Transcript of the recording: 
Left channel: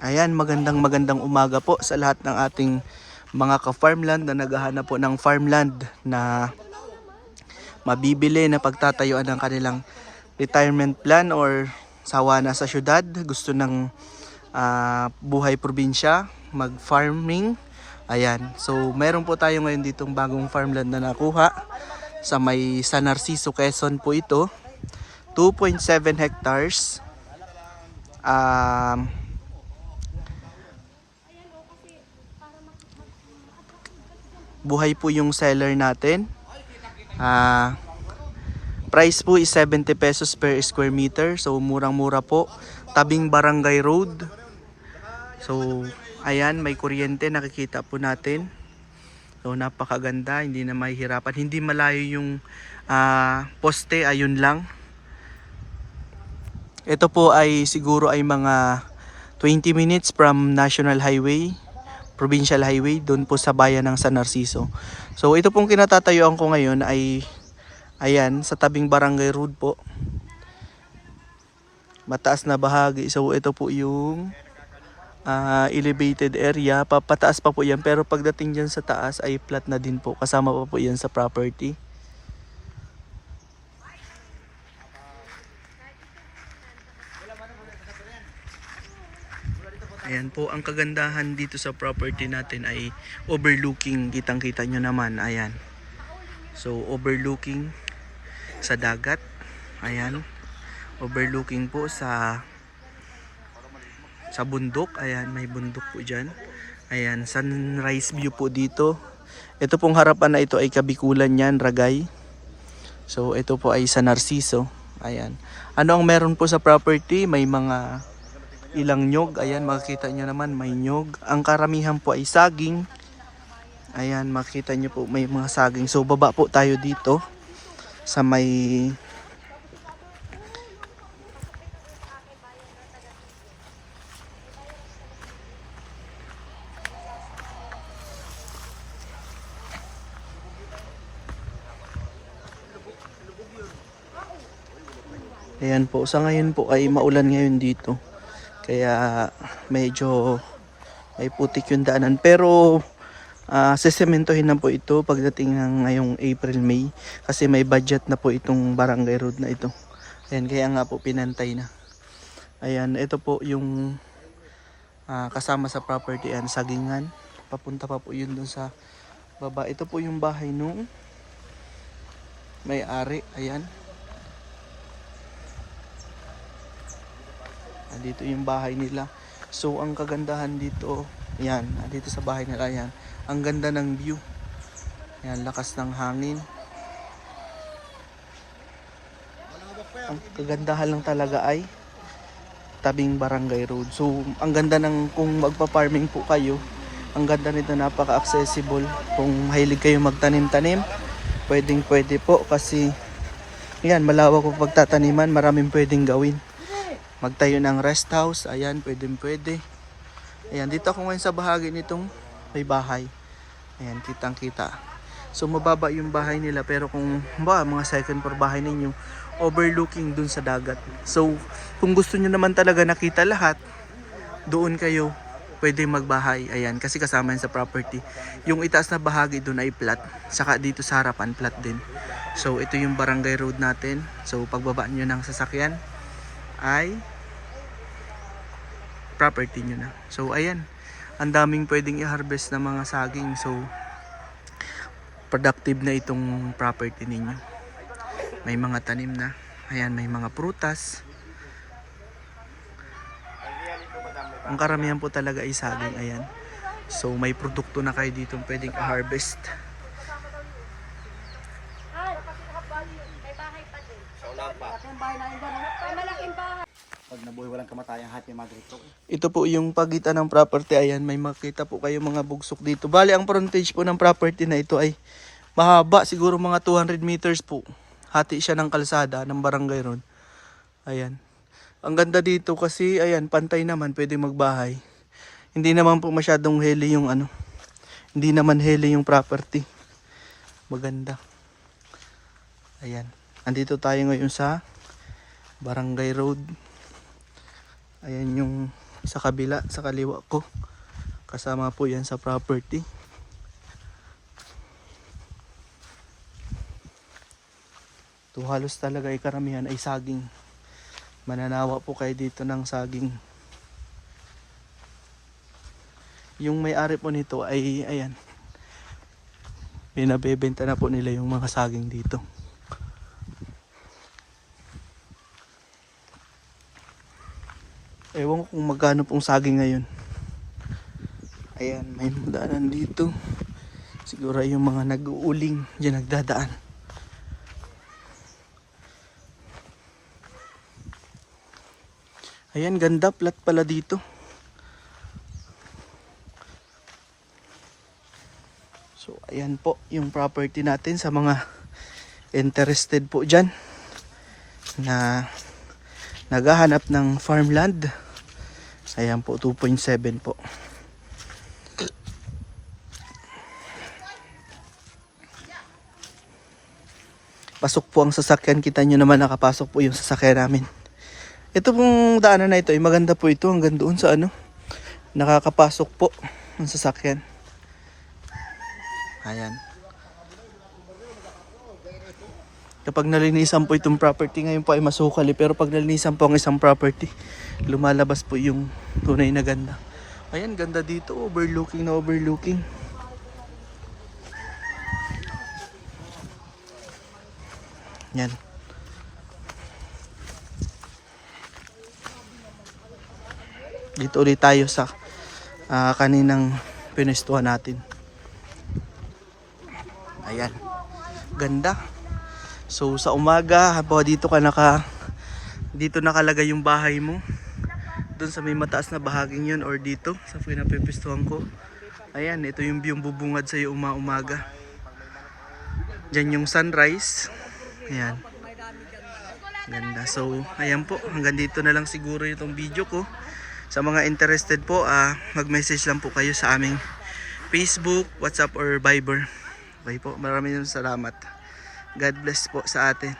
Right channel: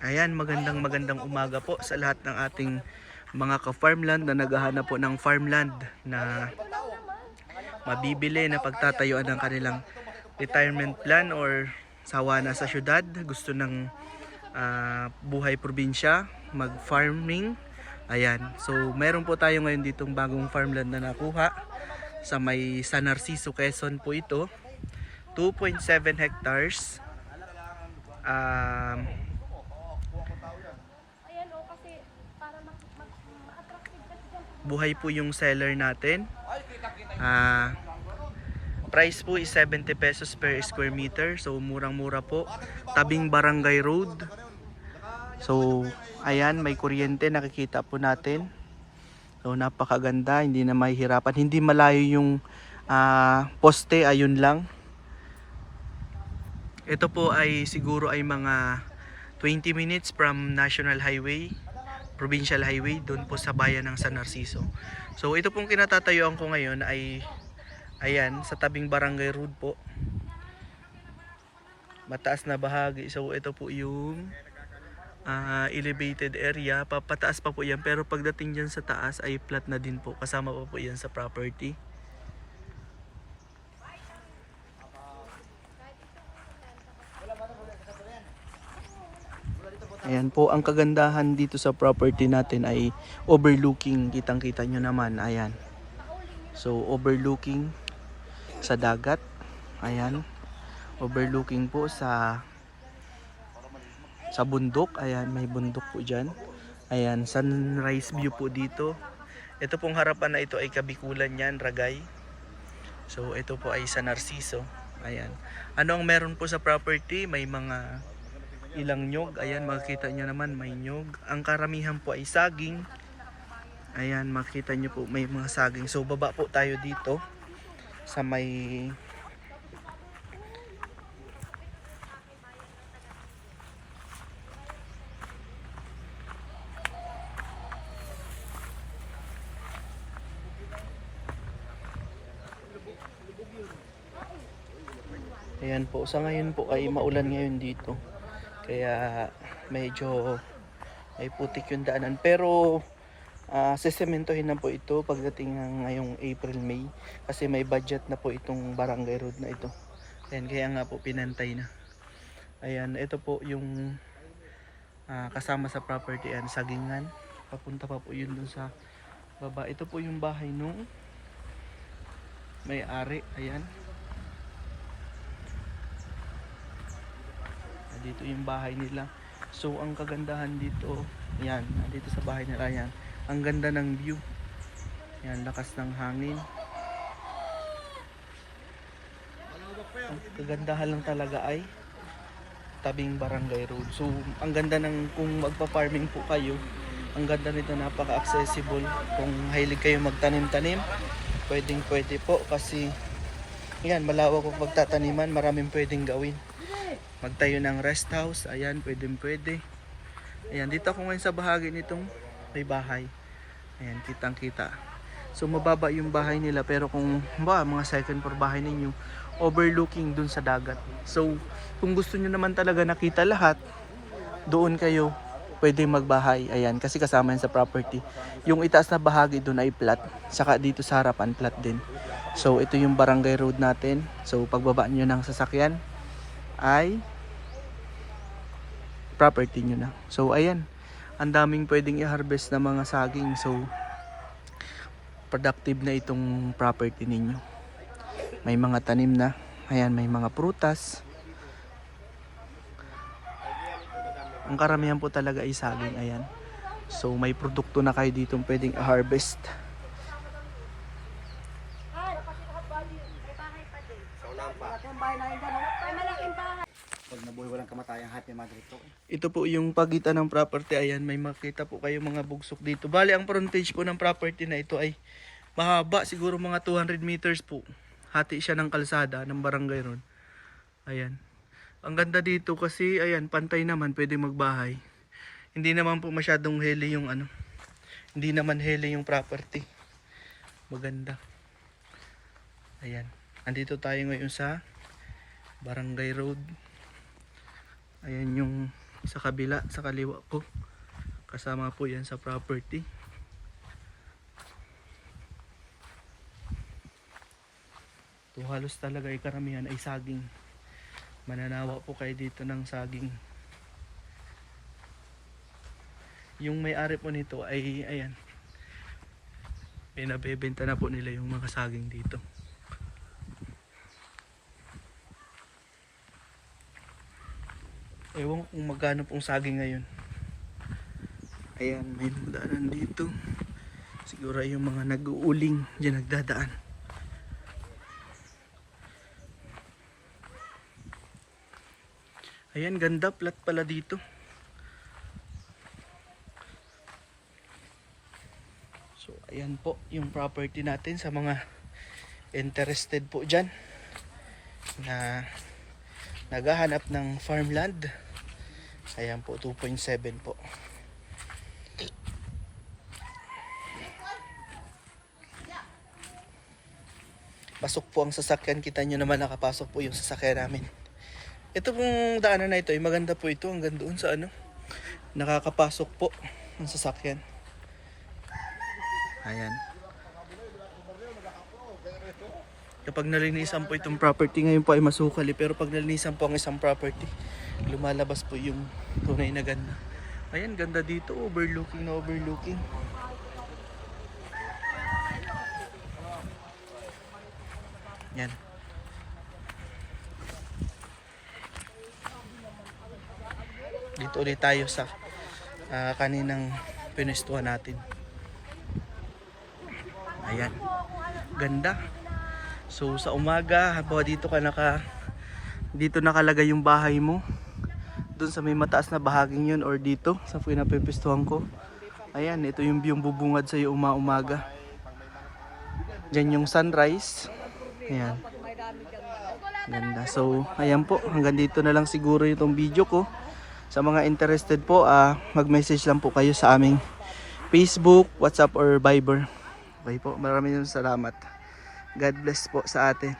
Ayan, magandang umaga po sa lahat ng ating mga ka-farmland na naghahanap po ng farmland na mabibili na pagtatayuan ng kanilang retirement plan or sawa na sa syudad, gusto ng buhay probinsya, mag-farming. Ayan, so meron po tayo ngayon ditong bagong farmland na nakuha sa may San Narciso, Quezon po ito. 2.7 hectares. Buhay po yung seller natin. Price po is 70 pesos per square meter. So murang-mura po. Tabing Barangay Road. So ayan, may kuryente, nakikita po natin. So napakaganda, hindi na mahihirapan. Hindi malayo yung poste, ayun lang. Ito po ay siguro ay mga 20 minutes from National Highway, Provincial Highway, doon po sa bayan ng San Narciso. So ito pong kinatatayuan ko ngayon ay ayan, sa tabing Barangay Road po. Mataas na bahagi. So ito po yung elevated area. Papataas pa po yan, pero pagdating dyan sa taas ay flat na din po. Kasama pa po yan sa property. Ayan po, ang kagandahan dito sa property natin ay overlooking, kitang-kita nyo naman, ayan. So overlooking sa dagat, ayan. Overlooking po sa bundok, ayan, may bundok po dyan. Ayan, sunrise view po dito. Ito pong harapan na ito ay Kabikulan yan, Ragay. So ito po ay San Narciso, ayan. Ano ang meron po sa property? May mga ilang nyog, ayan, makikita nyo naman may nyog. Ang karamihan po ay saging. Ayan, makikita nyo po may mga saging. So baba po tayo dito sa may ayan po, sa ngayon po ay maulan ngayon dito. Kaya medyo ay putik yung daanan. Pero sesementohin na po ito pagdating ng ngayong April, May. Kasi may budget na po itong barangay road na ito. Ayan, kaya nga po pinantay na. Ayan, ito po yung kasama sa property, and sagingan. Papunta pa po yun dun sa baba. Ito po yung bahay nung may-ari. Ayan. Dito yung bahay nila. So ang kagandahan dito, yan, dito sa bahay nila, yan. Ang ganda ng view. Yan, lakas ng hangin. Ang kagandahan lang talaga ay tabing Barangay Road. So ang ganda ng, kung magpa-farming po kayo, ang ganda nito, napaka-accessible. Kung mahilig kayo magtanim-tanim, pwede po kasi yan, malawak po pagtataniman, maraming pwedeng gawin. Magtayo ng rest house, ayan, pwede. Ayan, dito ako ngayon sa bahagi nitong may bahay. Ayan, kitang kita. So mababa yung bahay nila, pero kung mga second floor bahay ninyo, overlooking dun sa dagat. So kung gusto nyo naman talaga nakita lahat, doon kayo pwede magbahay. Ayan, kasi kasama yan sa property. Yung itaas na bahagi doon ay flat, saka dito sa harapan flat din. So ito yung barangay road natin. So pagbaba nyo ng sasakyan ay property nyo na. So ayan, ang daming pwedeng i-harvest na mga saging. So productive na itong property ninyo. May mga tanim na. Ayan, may mga prutas. Ang karamihan po talaga ay saging. Ayan. So may produkto na kayo dito pwedeng i-harvest. Pag nabuhay walang kamatayang happy mother ito. Ito po yung pagitan ng property. Ayan, may makita po kayo mga bugsok dito. Bali, ang frontage po ng property na ito ay mahaba, siguro mga 200 meters po. Hati siya ng kalsada ng barangay road. Ayan. Ang ganda dito kasi, ayan, pantay naman, pwede magbahay. Hindi naman po masyadong heli yung hindi naman heli yung property. Maganda. Ayan. Andito tayo ngayon sa barangay road. Ayan yung sa kabila, sa kaliwa ko. Kasama po yan sa property. Ito halos talaga ay karamihan ay saging. Mananawa po kayo dito ng saging. Yung may-ari po nito ay ayan, pinabebenta na po nila yung mga saging dito. Ewan ko kung magkano pong saging ngayon. Ayan, may daanan dito. Siguro yung mga nag-uuling dyan nagdadaan. Ayan, ganda, flat pala dito. So ayan po yung property natin sa mga interested po dyan na naghahanap ng farmland. Ayan po, 2.7 po. Pasok po ang sasakyan. Kita nyo naman nakapasok po yung sasakyan namin. Ito pong daanan na ito ay maganda po ito. Hanggang doon sa nakakapasok po ang sasakyan. Ayan. Kapag nalinisan po itong property, ngayon po ay masukali. Pero pag nalinisan po ang isang property, lumalabas po yung tunay na ganda. Ayan, ganda dito. Overlooking na overlooking. Yan. Dito ulit tayo sa kaninang pinestuhan natin. Ayan. Ganda. So sa umaga, habang dito nakalagay yung bahay mo. Doon sa may mataas na bahaging yun or dito sa pinapipistuhan ko. Ayan, ito yung view bubungad sa iyo umaga. Diyan yung sunrise. Ayan. Ganda. So, ayan po. Hanggang dito na lang siguro itong video ko. Sa mga interested po, mag-message lang po kayo sa aming Facebook, WhatsApp, or Viber. Okay po. Maraming salamat. God bless po sa atin.